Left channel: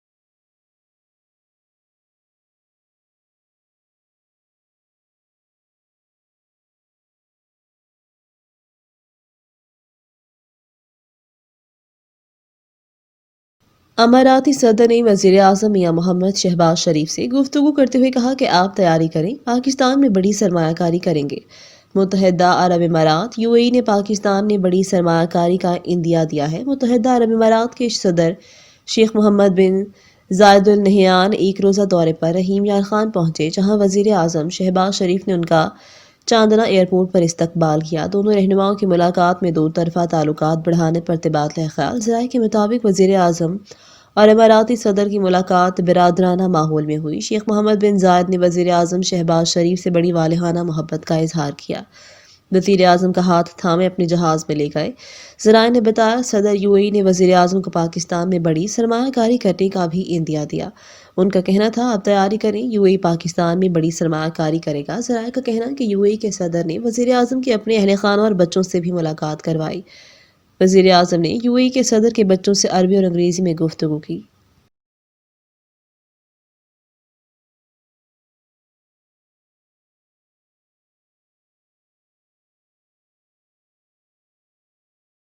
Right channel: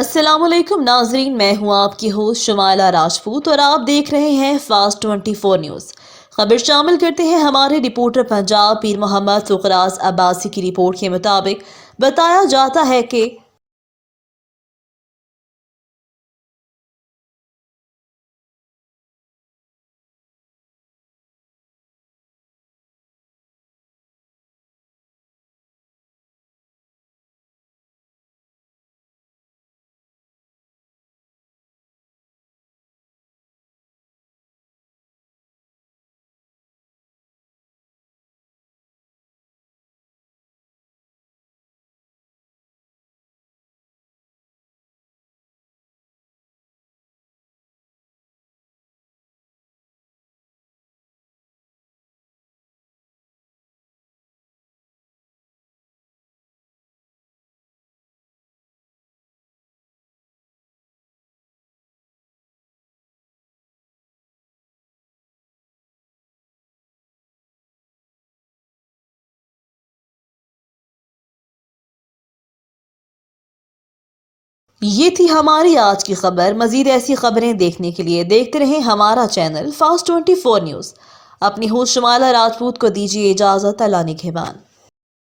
अस्सलाम वालेकुम नाजरीन, मैं हूं आपकी होस्ट शुमाइला राजपूत और आप देख रहे हैं फास्ट 24 न्यूज़। खबर शामिल करते हैं हमारे रिपोर्टर पंजाब पीर मोहम्मद फुकराज अब्बासी की रिपोर्ट के मुताबिक बताया जाता है कि अमाराती सदर ने वज़ीर आज़म मियां मोहम्मद शहबाज शरीफ से गुफ्तगू करते हुए कहा कि आप तैयारी करें, पाकिस्तान में बड़ी सरमायाकारी करेंगे। मुत्तहिदा अरब इमारात यूएई ने पाकिस्तान में बड़ी सरमायाकारी का इंदिया दिया है। मुत्तहिदा अरब इमारात के सदर शेख मोहम्मद बिन जायद अल नहयान एक रोज़ा दौरे पर रहीम यार खान पहुंचे, जहां वज़ीर आज़म शहबाज शरीफ ने उनका चांदना एयरपोर्ट पर इस्तकबाल किया। दोनों रहनुमाओं की मुलाकात में दो तरफा ताल्लुकात बढ़ाने पर तबादला ख्याल। ज़राए के मुताबिक वज़ीर आज़म और इमाराती सदर की मुलाकात बिरादराना माहौल में हुई। शेख मोहम्मद बिन जायद ने वज़ीर आज़म शहबाज शरीफ से बड़ी वालिहाना मोहब्बत का इजहार किया। वज़ीर आज़म का हाथ थामे अपने जहाज़ में ले गए। ज़राए ने बताया, सदर यूएई ने वज़ीर आज़म को पाकिस्तान में बड़ी सरमायाकारी करने का भी इंदिया दिया। उनका कहना था, आप तैयारी करें, यूएई पाकिस्तान में बड़ी सरमायाकारी करेगा। ज़राए का कहना कि यूएई के सदर ने वज़ीर आज़म के अपने अहल खाना और बच्चों से भी मुलाकात करवाई। वज़ीर आज़म ने यूएई के सदर के बच्चों से अरबी और अंग्रेज़ी में गुफ्तगू की। ये थी हमारी आज की खबर। मज़ीद ऐसी खबरें देखने के लिए देखते रहें हमारा चैनल फास्ट 24 न्यूज़। अपनी होस्ट शुमाइला राजपूत को दीजिए इजाज़त। अल्लाह निगहबान।